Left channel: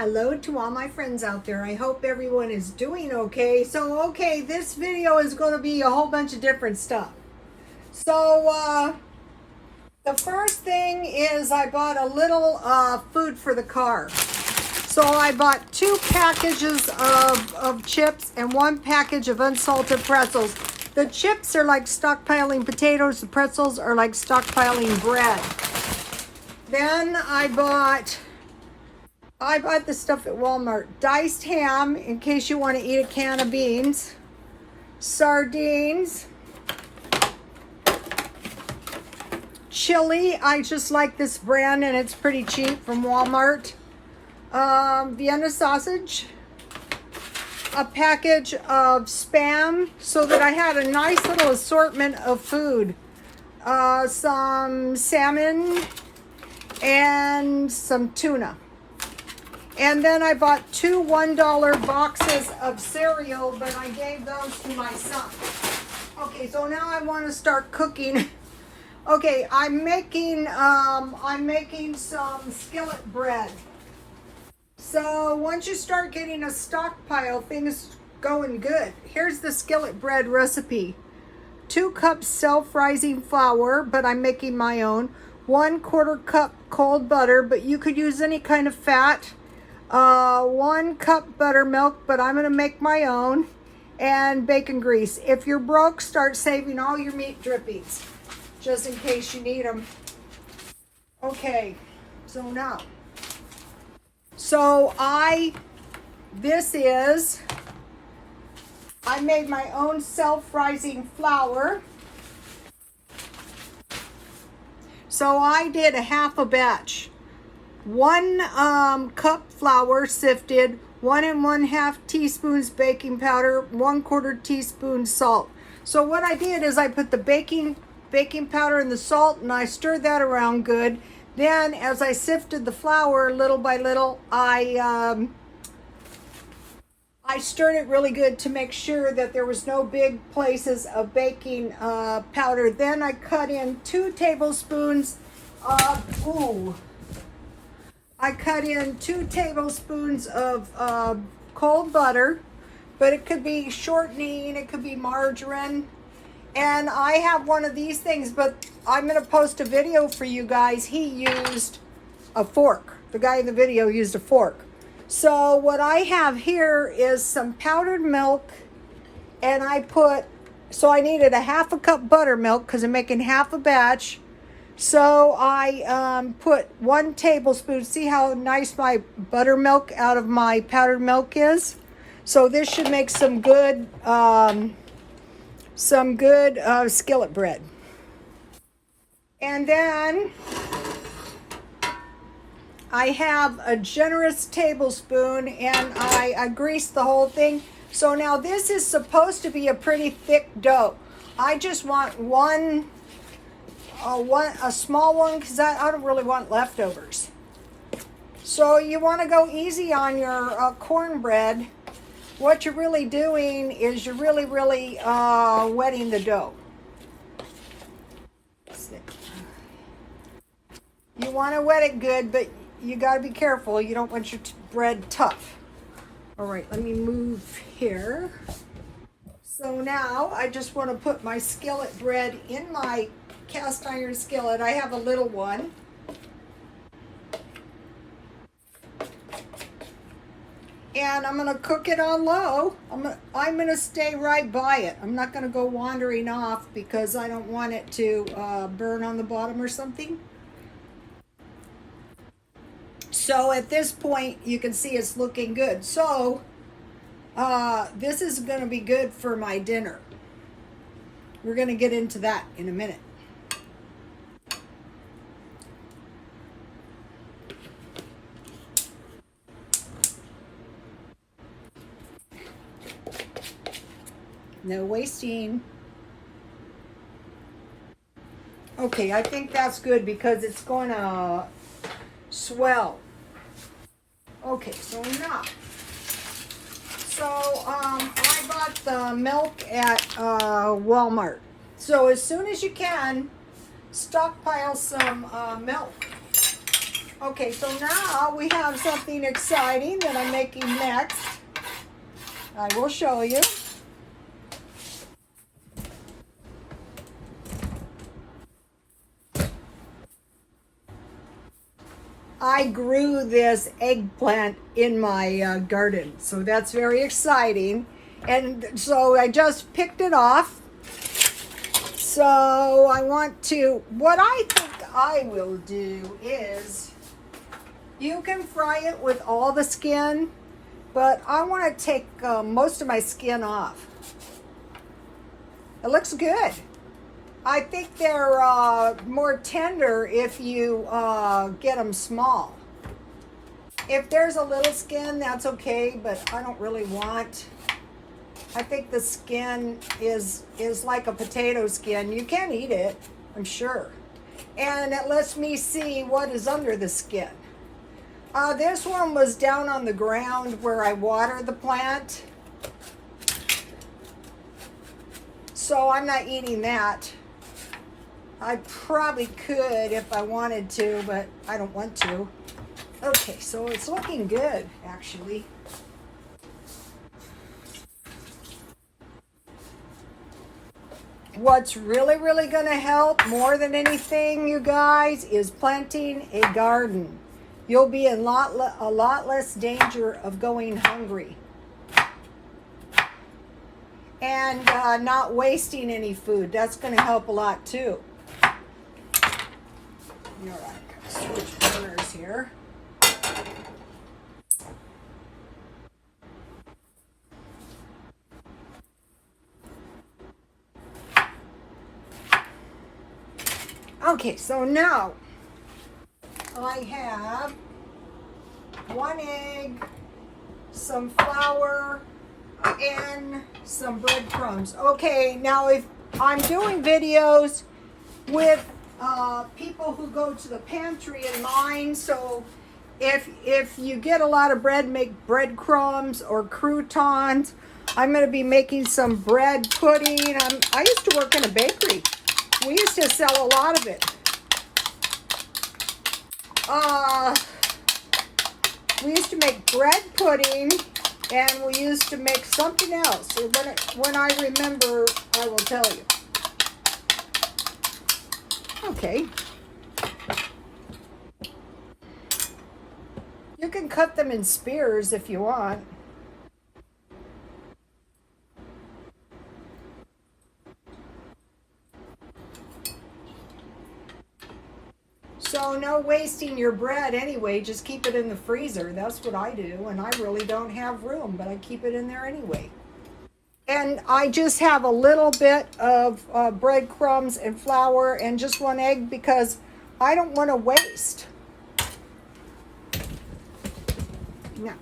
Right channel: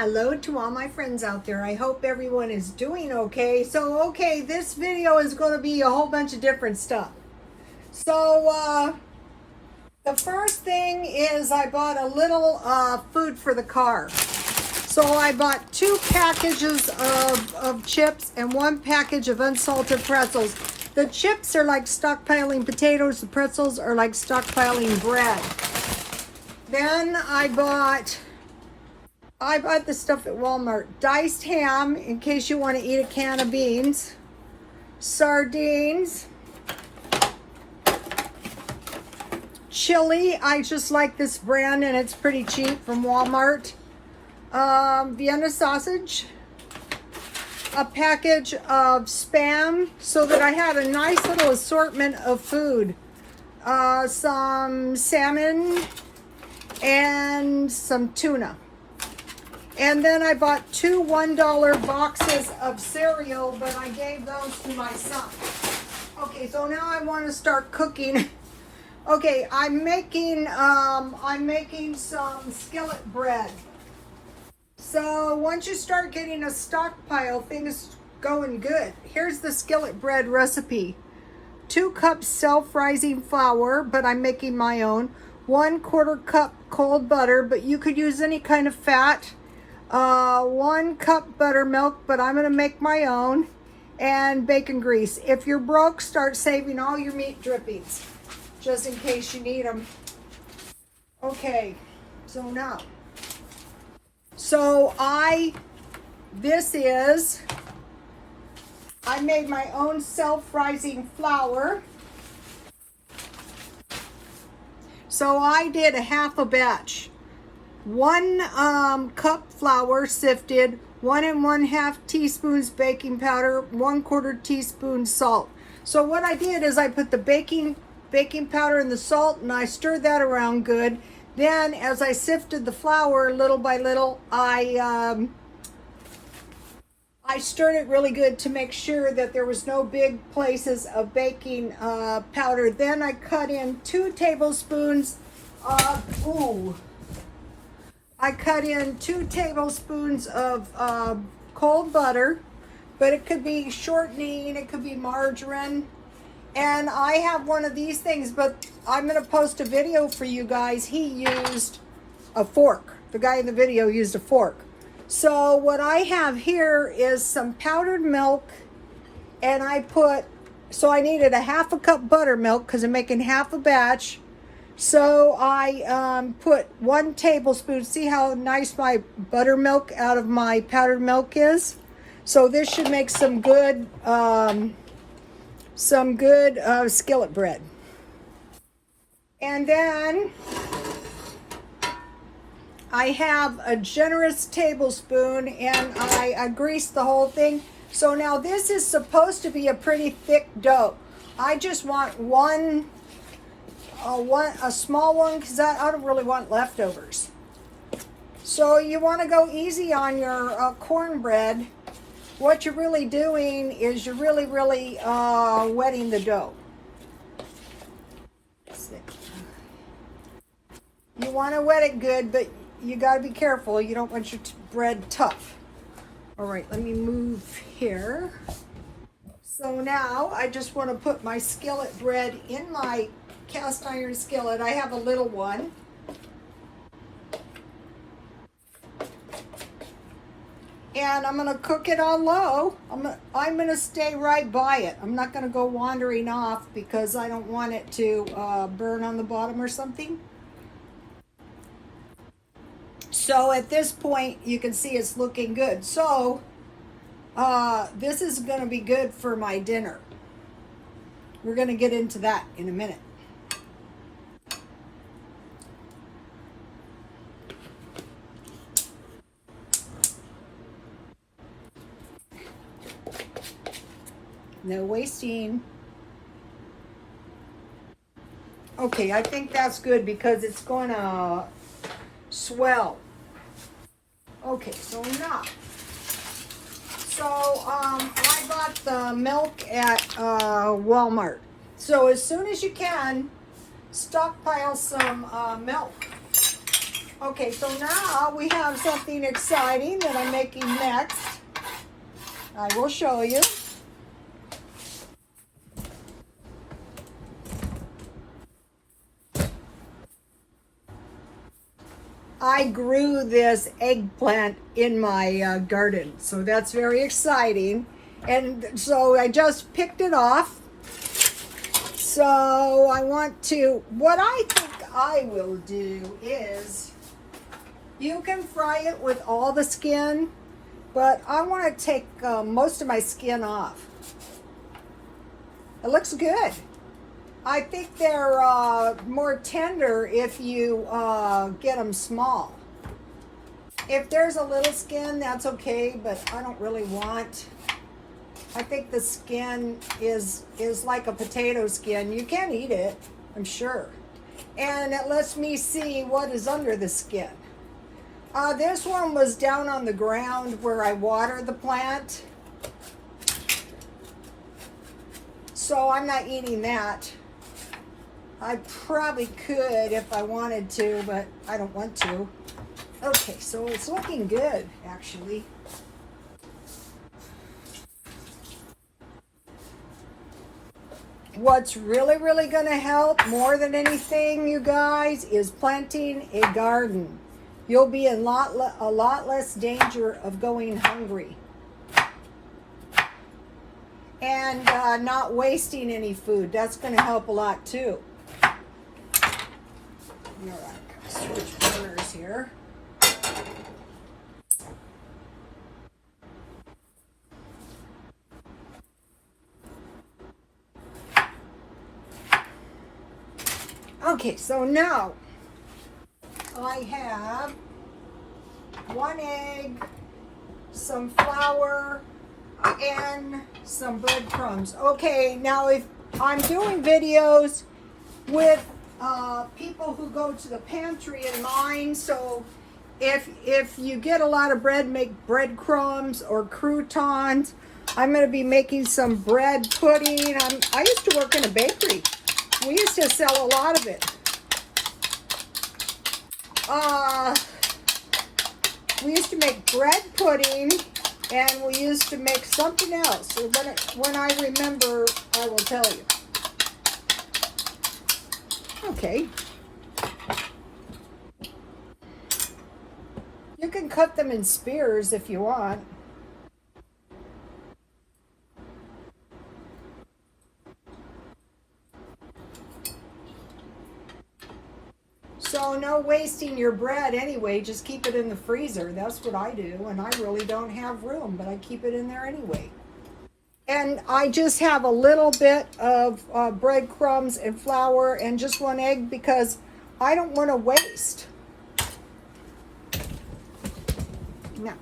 Hello to all my friends out there. I hope everyone is doing okay. So, this video is going to be a whole bunch of different stuff. So, the first thing is I bought a little food for the car. So I bought 2 packages of chips and 1 package of unsalted pretzels. The chips are like stockpiling potatoes. The pretzels are like stockpiling bread. Then I bought the stuff at Walmart. Diced ham, in case you want to eat a can of beans. Sardines. Chili. I just like this brand and it's pretty cheap from Walmart. Vienna sausage. A package of Spam, so that I had a nice little assortment of food. Some salmon and some tuna. And then I bought 2 $1 boxes of cereal, but I gave those to my son. Okay, so now I want to start cooking. Okay, I'm making some skillet bread. So once you start getting a stockpile, things going good. Here's the skillet bread recipe. 2 cups self-rising flour, but I'm making my own. 1/4 cup cold butter, but you could use any kind of fat. 1 cup buttermilk, but I'm going to make my own. And bacon grease. If you're broke, start saving all your meat drippings, just in case you need them. Okay, so now. So I made my own self-rising flour. So I did a half a batch. 1 cup flour sifted, 1 1/2 teaspoons baking powder, 1/4 teaspoon salt. So what I did is I put the baking powder and the salt, and I stirred that around good. Then as I sifted the flour little by little, I stirred it really good to make sure that there was no big places of baking powder. Then I cut in 2 tablespoons of cold butter, but it could be shortening, it could be margarine. And I have one of these things, but I'm going to post a video for you guys. He used a fork. The guy in the video used a fork. So what I have here is some powdered milk, and I needed a 1/2 cup buttermilk because I'm making half a batch. So I put 1 tablespoon. See how nice my buttermilk out of my powdered milk is? So this should make some good skillet bread. And then I have a generous tablespoon, and I greased the whole thing. So now this is supposed to be a pretty thick dough. I just want a small one, because I don't really want leftovers. So you want to go easy on your cornbread. What you're really doing is you're really wetting the dough. You want to wet it good, but you got to be careful. You don't want your bread tough. All right, let me move here. So now I just want to put my skillet bread in my cast iron skillet. I have a little one. And I'm going to cook it on low. I'm going to stay right by it. I'm not going to go wandering off because I don't want it to burn on the bottom or something. So at this point, you can see it's looking good. So this is going to be good for my dinner. We're going to get into that in a minute. No wasting. Okay, I think that's good because it's going to swell. Okay, so now. So I bought the milk at Walmart. So as soon as you can, stockpile some milk. Okay, so now we have something exciting that I'm making next. I will show you. I grew this eggplant in my garden, so that's very exciting. And so I just picked it off. So I want to, what I think I will do is, you can fry it with all the skin, but I want to take most of my skin off. It looks good. I think they're more tender if you get them small. If there's a little skin, that's okay, but I don't really want. I think the skin is like a potato skin. You can eat it, I'm sure. And it lets me see what is under the skin. This one was down on the ground where I water the plant. So I'm not eating that. I probably could if I wanted to, but I don't want to. Okay, so it's looking good, actually. What's really, really going to help more than anything, you guys, is planting a garden. You'll be in a lot less danger of going hungry. And not wasting any food. That's going to help a lot, too. You know, I switch burners here. Okay, so now I have 1 egg, some flour, and some breadcrumbs. Okay, now if I'm doing videos with people who go to the pantry in mine, so if you get a lot of bread, make breadcrumbs or croutons. I'm going to be making some bread pudding. I used to work in a bakery. We used to sell a lot of it. We used to make bread pudding, and we used to make something else. When I remember, I will tell you. Okay. You can cut them in spears if you want. So no wasting your bread anyway, just keep it in the freezer. That's what I do, and I really don't have room, but I keep it in there anyway. And I just have a little bit of breadcrumbs and flour and just 1 egg because I don't want to waste. Now,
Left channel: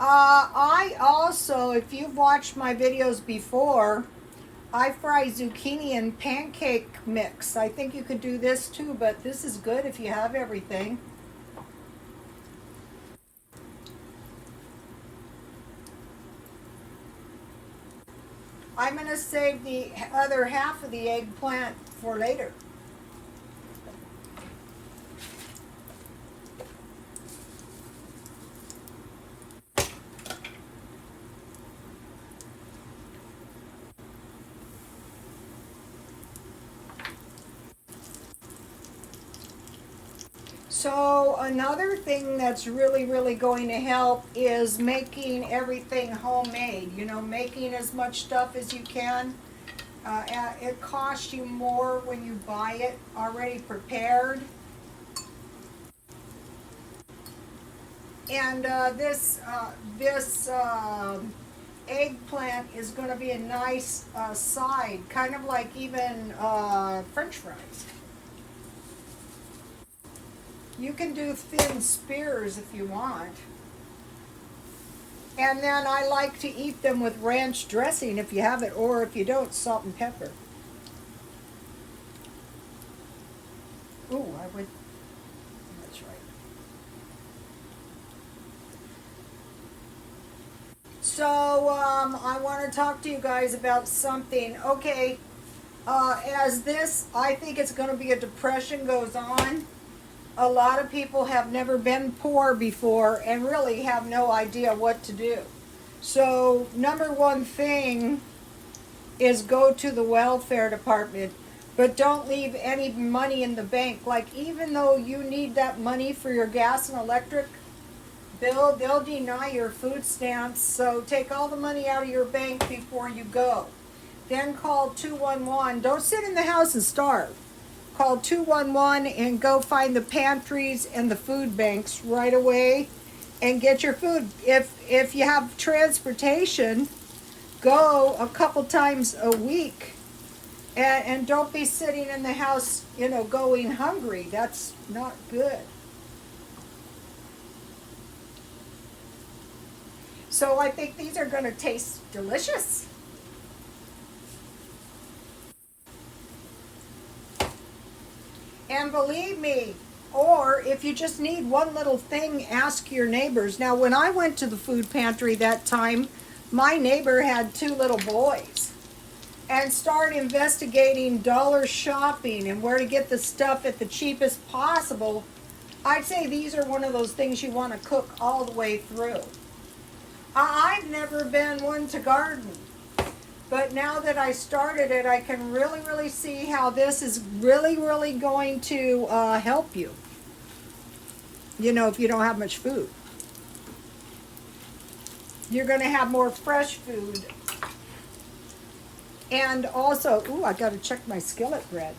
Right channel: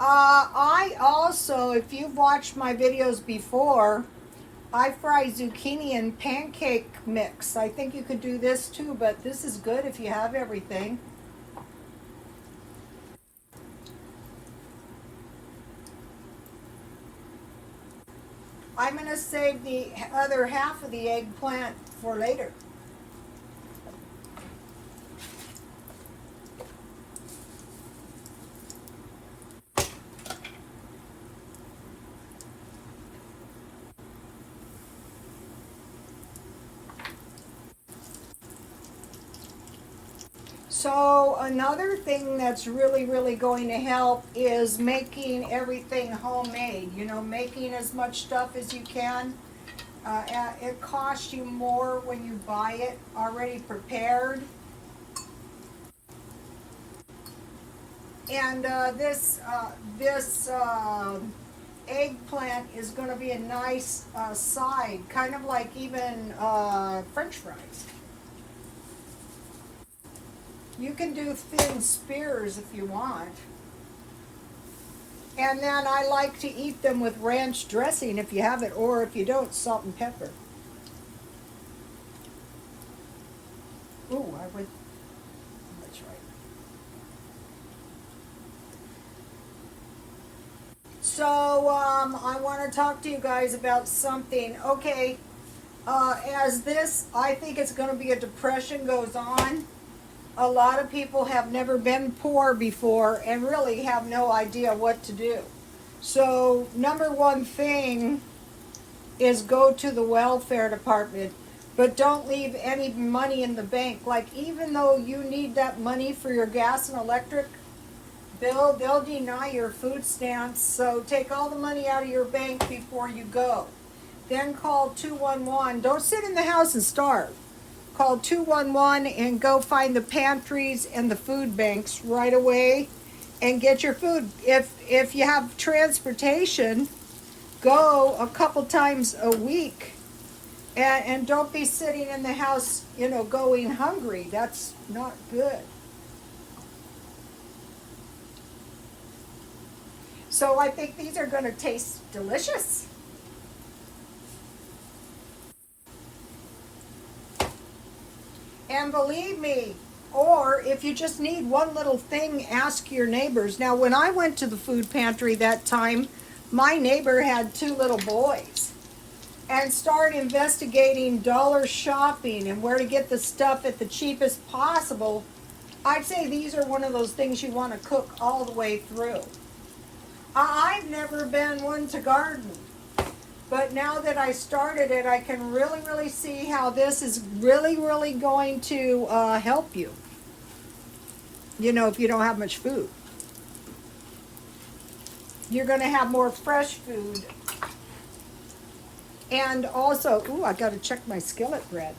I also, if you've watched my videos before, I fry zucchini in pancake mix. I think you could do this too, but this is good if you have everything. I'm going to save the other half of the eggplant for later. So another thing that's really, really going to help is making everything homemade. You know, making as much stuff as you can. It costs you more when you buy it already prepared. And this eggplant is going to be a nice side, kind of like even French fries. You can do thin spears if you want. And then I like to eat them with ranch dressing if you have it, or if you don't, salt and pepper. Ooh, I would, that's right. So I want to talk to you guys about something. Okay, as this, I think it's going to be a depression goes on. A lot of people have never been poor before and really have no idea what to do. So number one thing is go to the welfare department, but don't leave any money in the bank. Like, even though you need that money for your gas and electric bill, they'll deny your food stamps. So take all the money out of your bank before you go. Then call 211. Don't sit in the house and starve. Call 211 and go find the pantries and the food banks right away and get your food. If you have transportation, go a couple times a week, and don't be sitting in the house, you know, going hungry. That's not good. So I think these are going to taste delicious. And believe me, or if you just need one little thing, ask your neighbors. Now, when I went to the food pantry that time, my neighbor had 2 little boys, and started investigating dollar shopping and where to get the stuff at the cheapest possible. I'd say these are one of those things you want to cook all the way through. I've never been one to garden, but now that I started it, I can really see how this is really going to help you. You know, if you don't have much food, you're going to have more fresh food. And also, ooh, I got to check my skillet bread.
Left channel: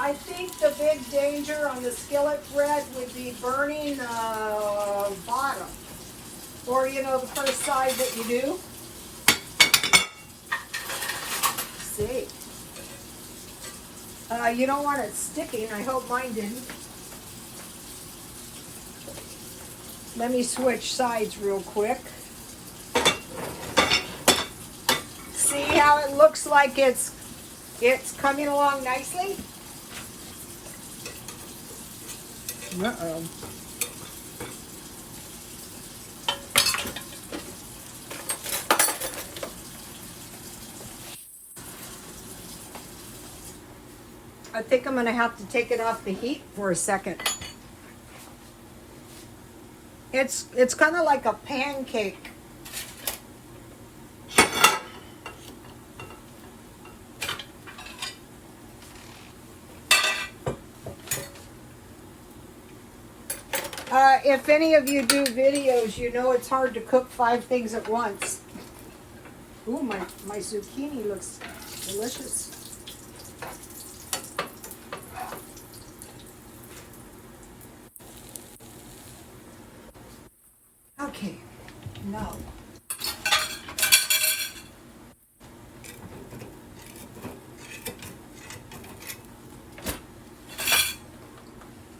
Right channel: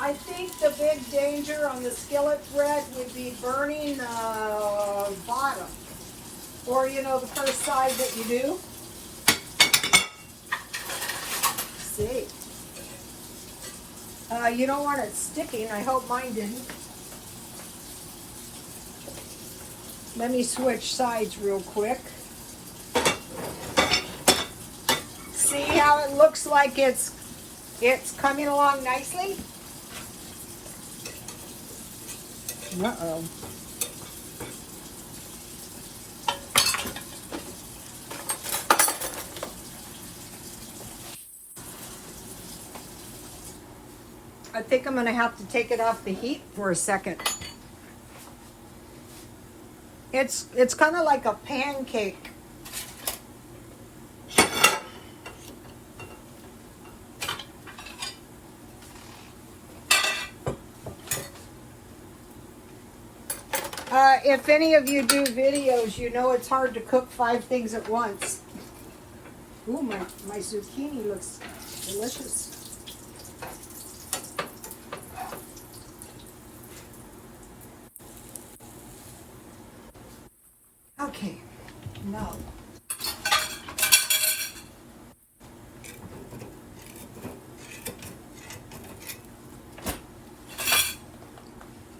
I think the big danger on the skillet bread would be burning the bottom, or, you know, the first side that you do. See, you don't want it sticking. I hope mine didn't. Let me switch sides real quick. See how it looks like it's coming along nicely? Uh-oh. I think I'm going to have to take it off the heat for a second. It's kind of like a pancake. If any of you do videos, you know it's hard to cook 5 things at once. Ooh, my zucchini looks delicious. Okay, now.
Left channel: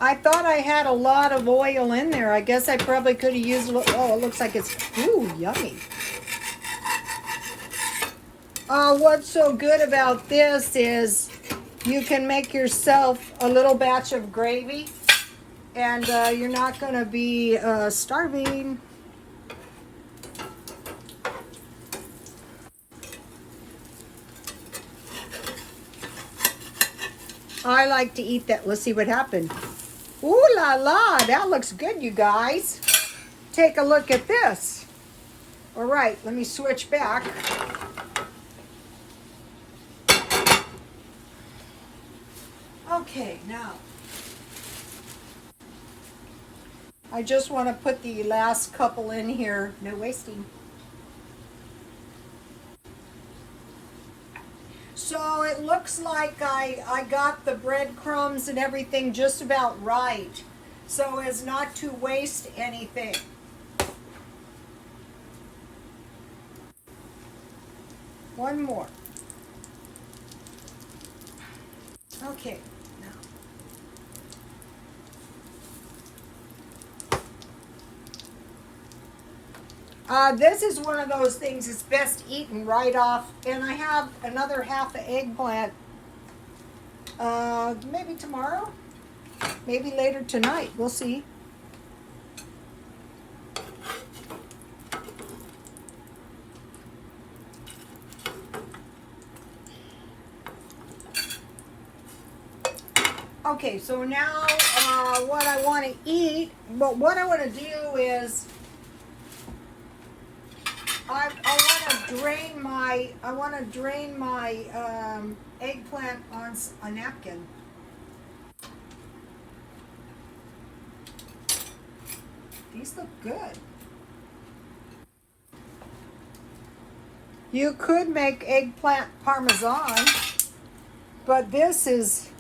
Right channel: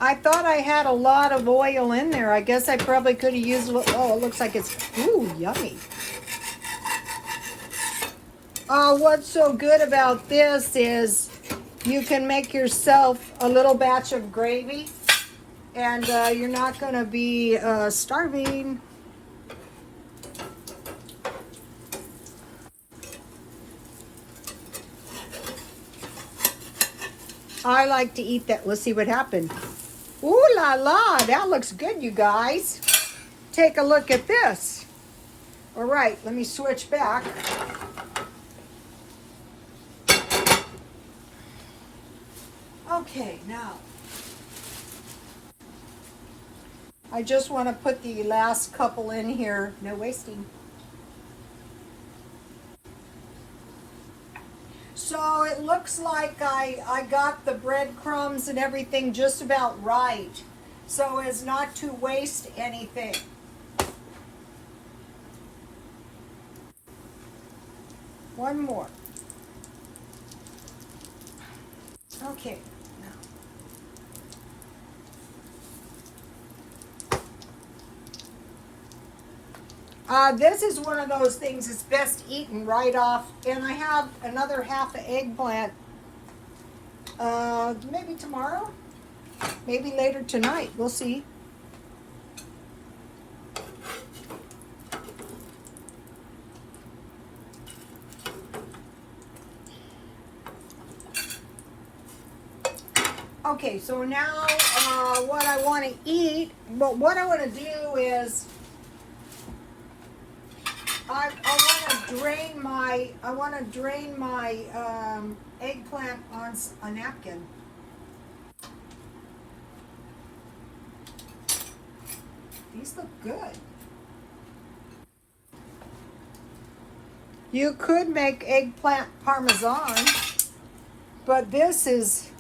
I thought I had a lot of oil in there. I guess I probably could have used, oh, it looks like it's, ooh, yummy. What's so good about this is you can make yourself a little batch of gravy, and you're not going to be starving. I like to eat that. Let's see what happened. Ooh la la, that looks good, you guys. Take a look at this. All right, let me switch back. Okay, now I just want to put the last couple in here. No wasting. So it looks like I got the breadcrumbs and everything just about right, so as not to waste anything. One more. Okay. This is one of those things that's best eaten right off. And I have another half an eggplant. Maybe tomorrow? Maybe later tonight. We'll see. Okay, so now what I want to eat, but what I want to do is I want to drain my eggplant on a napkin. These look good. You could make eggplant parmesan, but this is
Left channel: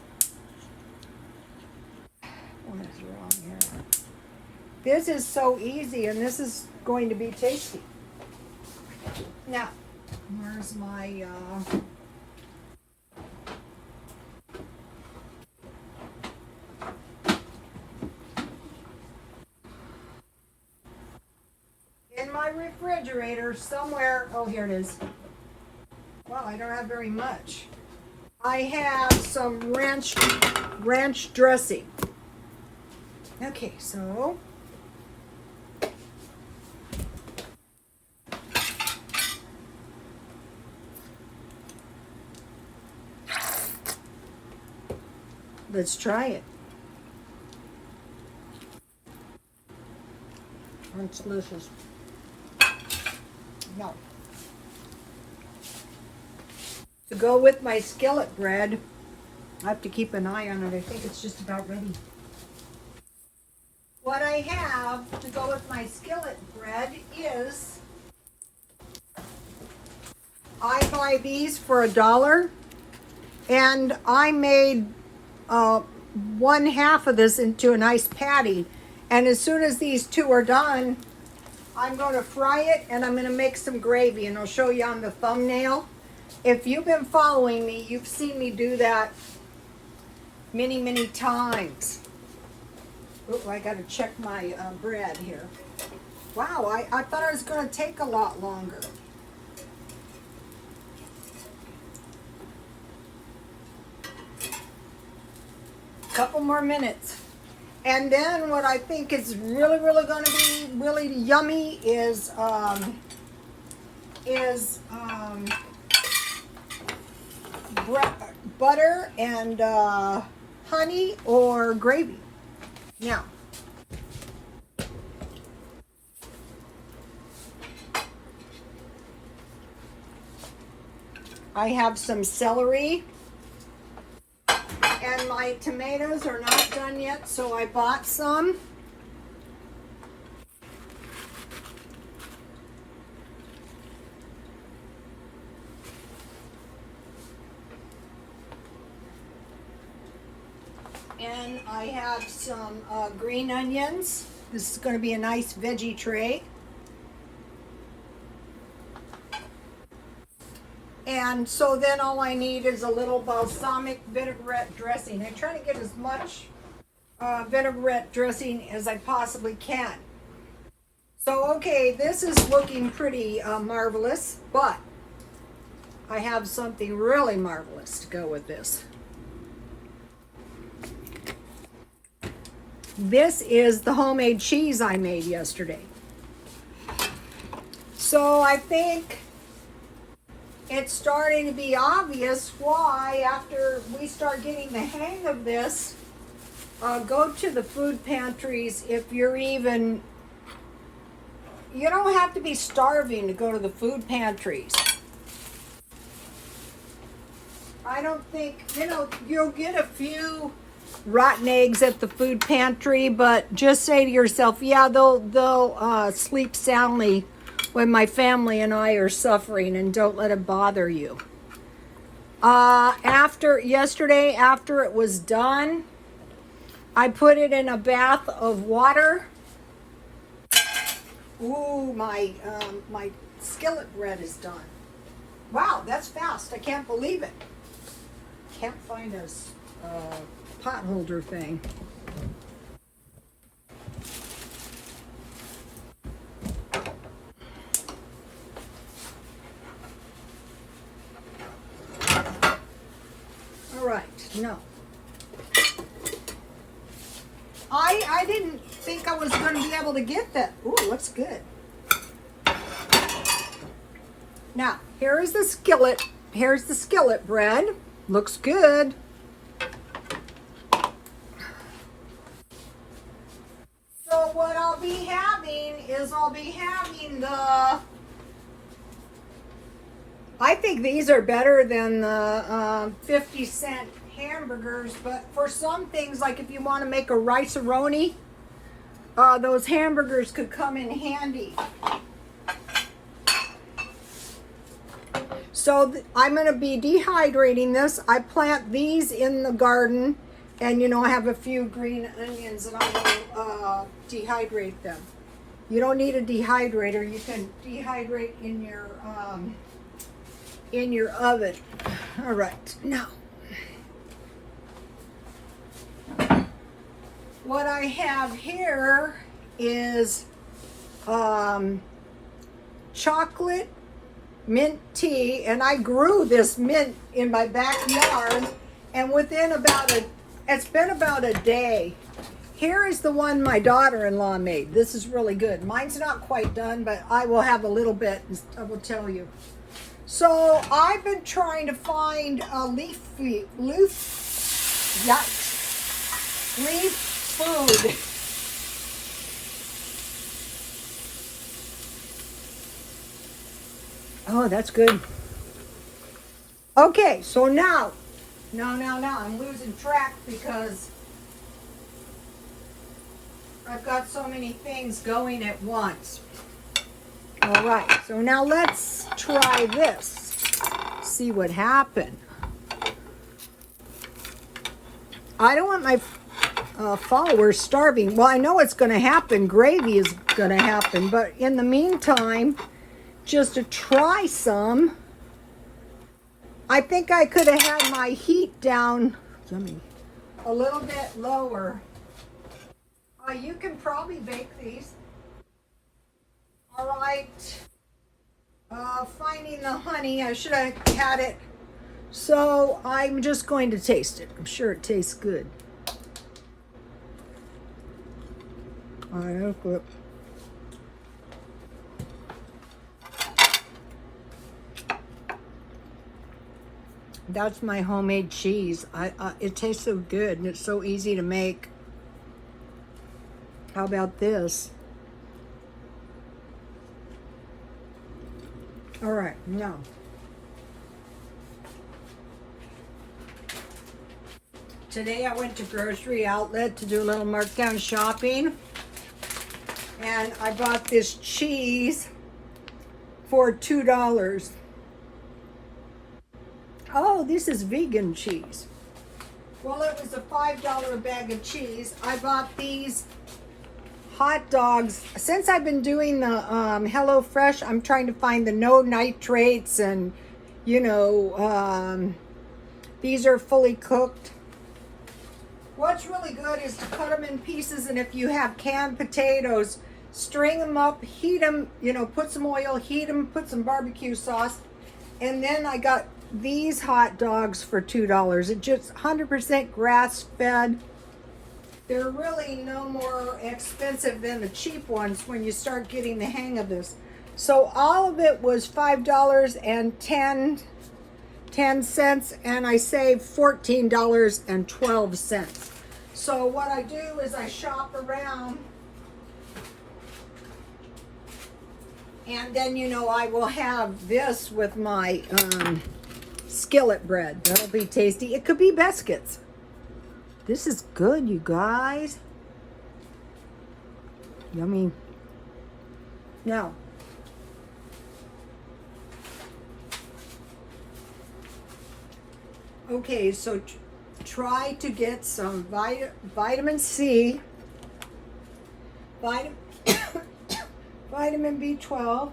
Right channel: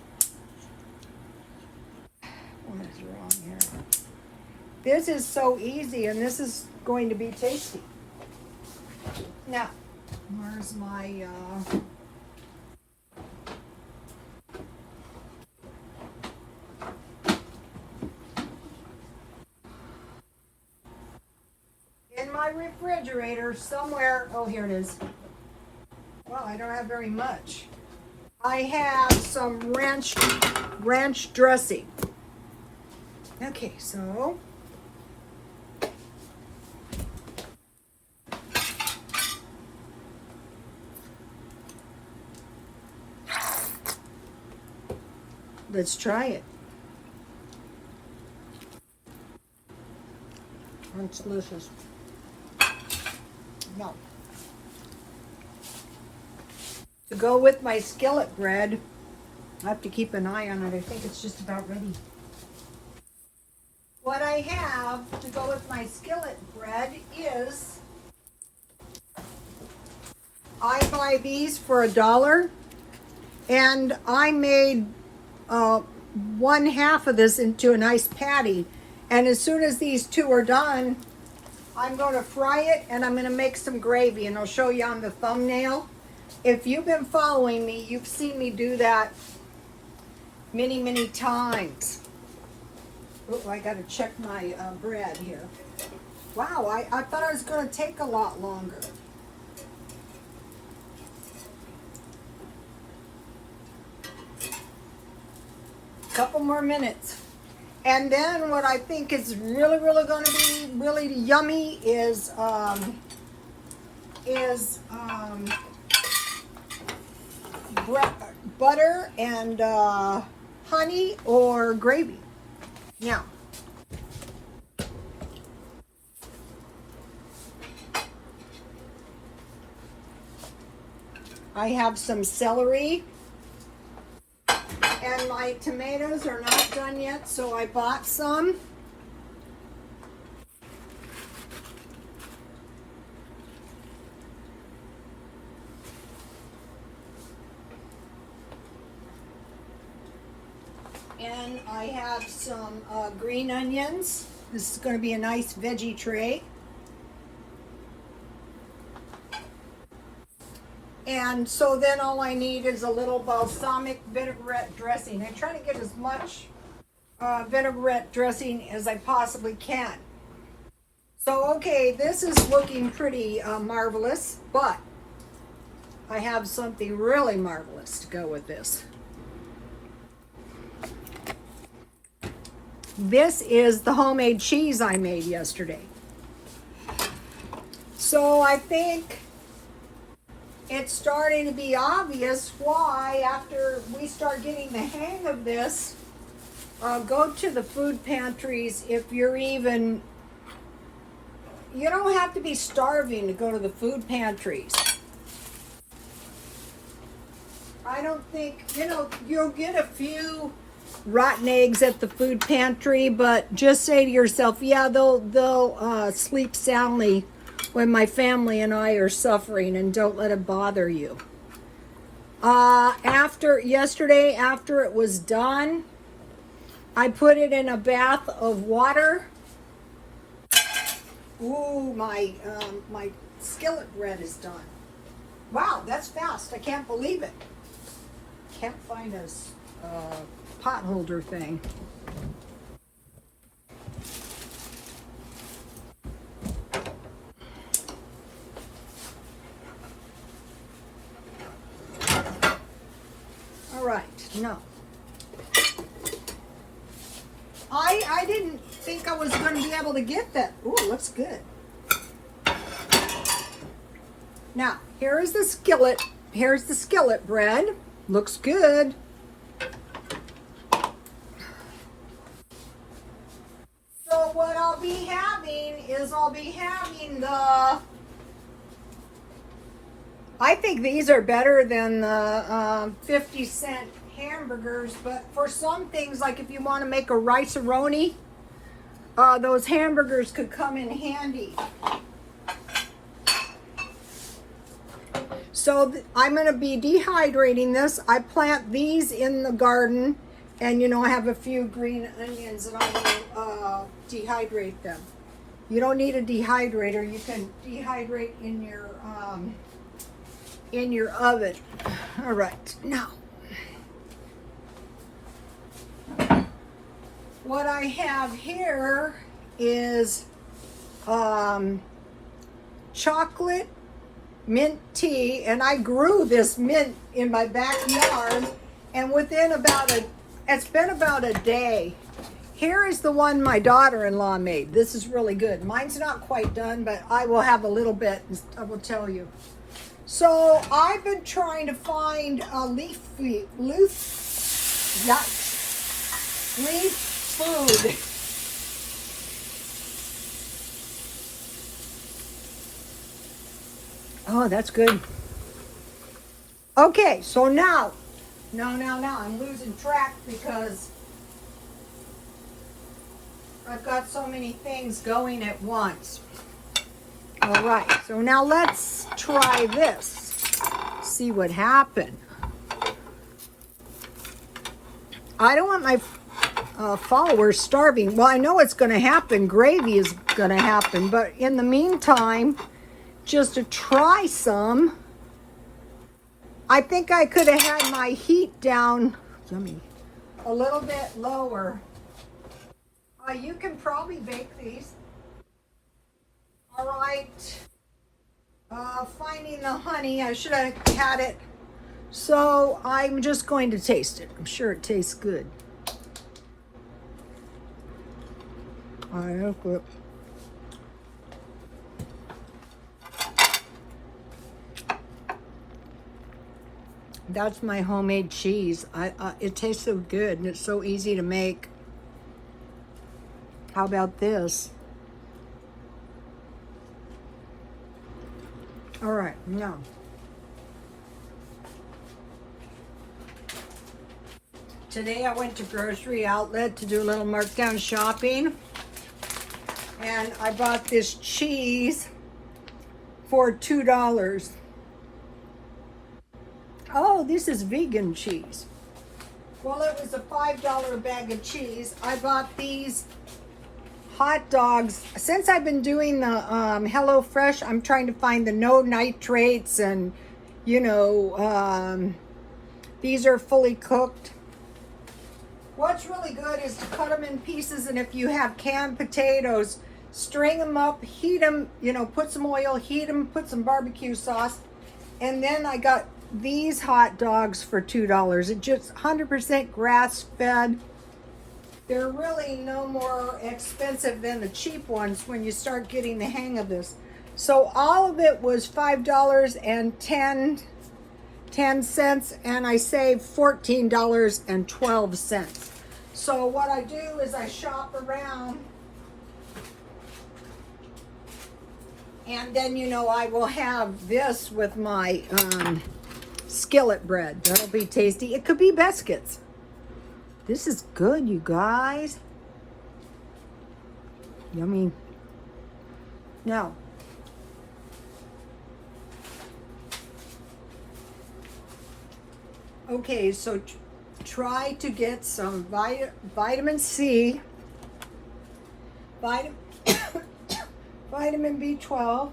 so easy, and this is going to be tasty. Now, where's my in my refrigerator somewhere? Oh, here it is. Well, I don't have very much. I have some ranch dressing. Okay, so let's try it. Oh, it's delicious. No. To go with my skillet bread, I have to keep an eye on it. I think it's just about ready. What I have to go with my skillet bread is, I buy these for $1, and I made 1/2 of this into a nice patty. And as soon as these two are done, I'm going to fry it, and I'm going to make some gravy, and I'll show you on the thumbnail. If you've been following me, you've seen me do that many, many times. Oh, I got to check my bread here. Wow, I thought it was going to take a lot longer. Couple more minutes. And then what I think is really, really going to be really yummy is butter and honey or gravy. Yeah. I have some celery. And my tomatoes are not done yet, so I bought some. And I have some green onions. This is going to be a nice veggie tray. And so then all I need is a little balsamic vinaigrette dressing. I try to get as much vinaigrette dressing as I possibly can. So, okay, this is looking pretty marvelous, but I have something really marvelous to go with this. This is the homemade cheese I made yesterday. So I think it's starting to be obvious why, after we start getting the hang of this, go to the food pantries if you're even, you don't have to be starving to go to the food pantries. I don't think, you'll get a few rotten eggs at the food pantry, but just say to yourself, yeah, they'll sleep soundly when my family and I are suffering, and don't let it bother you. Yesterday, after it was done, I put it in a bath of water. Ooh, my skillet bread is done. Wow, that's fast. I can't believe it. Can't find a pot holder thing. All right, no. I didn't think I was going to be able to get that. Ooh, looks good. Now, here is the skillet. Here's the skillet bread. Looks good. I'll be having is the, I think these are better than the 50-cent hamburgers, but for some things, like if you want to make a rice-a-roni, those hamburgers could come in handy. So I'm going to be dehydrating this. I plant these in the garden, and you know, I have a few green onions and I'm going to dehydrate them. You don't need a dehydrator. You can dehydrate in your oven. All right, now what I have here is chocolate mint tea, and I grew this mint in my backyard, and within it's been about a day. Here is the one my daughter-in-law made. This is really good. Mine's not quite done, but I will have a little bit, I will tell you. So I've been trying to find a leaf food. Oh, that's good. Okay, so now, I'm losing track because I've got so many things going at once. All right, so now let's try this. See what happened. I don't want my followers starving. Well, I know it's going to happen. Gravy is going to happen, but in the meantime, just to try some, I think I could have had my heat down a little bit lower. You can probably bake these. All right. Finding the honey. I should have had it. So I'm just going to taste it. I'm sure it tastes good. All right. That's my homemade cheese. It tastes so good, and it's so easy to make. How about this? All right, now. Today I went to Grocery Outlet to do a little markdown shopping, and I bought this cheese for $2. Oh, this is vegan cheese. Well, it was a $5 bag of cheese. I bought these hot dogs. Since I've been doing the HelloFresh, I'm trying to find the no nitrates, and you know, these are fully cooked. What's really good is to cut them in pieces, and if you have canned potatoes, string them up, heat them, you know, put some oil, heat them, put some barbecue sauce, and then I got these hot dogs for $2. It's just 100% grass-fed. They're really no more expensive than the cheap ones when you start getting the hang of this. So all of it was $5.10, and I saved $14.12. So what I do is I shop around, and then, you know, I will have this with my skillet bread. That'll be tasty. It could be biscuits. This is good, you guys. Yummy. Now, okay, so try to get some vitamin C, vitamin B12,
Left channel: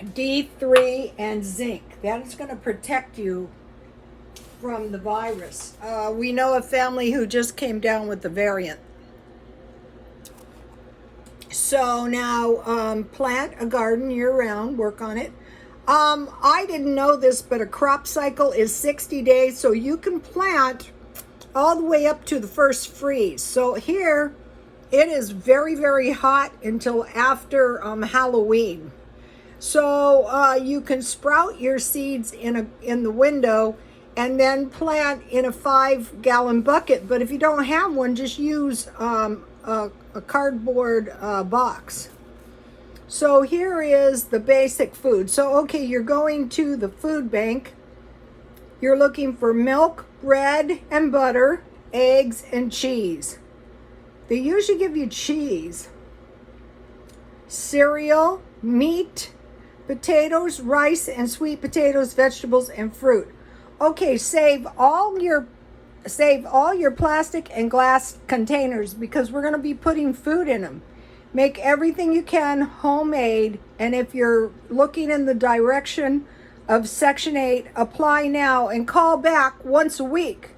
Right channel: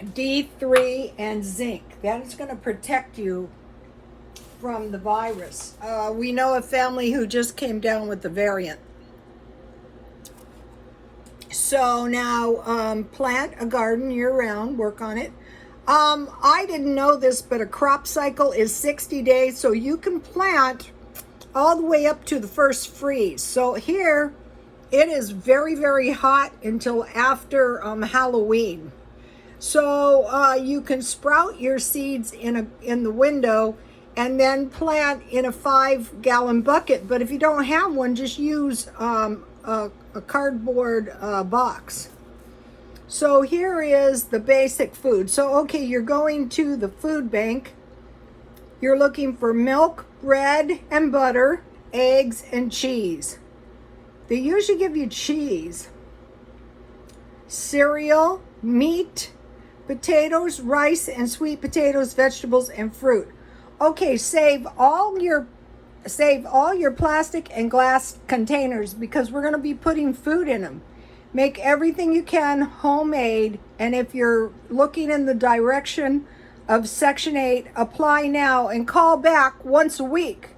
D3, and zinc. That is going to protect you from the virus. We know a family who just came down with the variant. So now plant a garden year-round, work on it. I didn't know this, but a crop cycle is 60 days, so you can plant all the way up to the first freeze. So here, it is very, very hot until after Halloween. So you can sprout your seeds in the window, and then plant in a 5-gallon bucket. But if you don't have one, just use a cardboard box. So here is the basic food. So, okay, you're going to the food bank. You're looking for milk, bread and butter, eggs, and cheese. They usually give you cheese, cereal, meat, potatoes, rice, and sweet potatoes, vegetables, and fruit. Okay, save all your plastic and glass containers because we're going to be putting food in them. Make everything you can homemade, and if you're looking in the direction of Section 8, apply now and call back once a week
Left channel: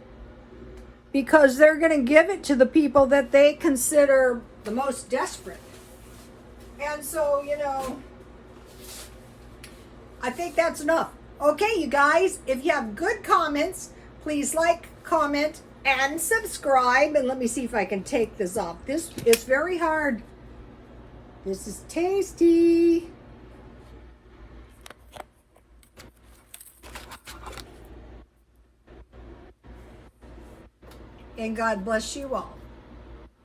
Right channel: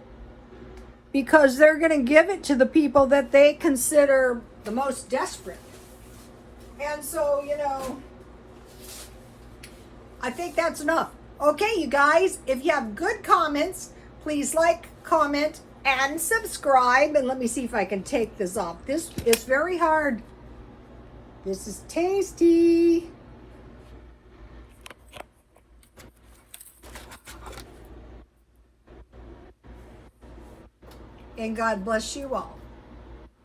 because they're going to give it to the people that they consider the most desperate. And so, you know, I think that's enough. Okay, you guys, if you have good comments, please like, comment, and subscribe. And let me see if I can take this off. This is very hard. This is tasty. And God bless you all.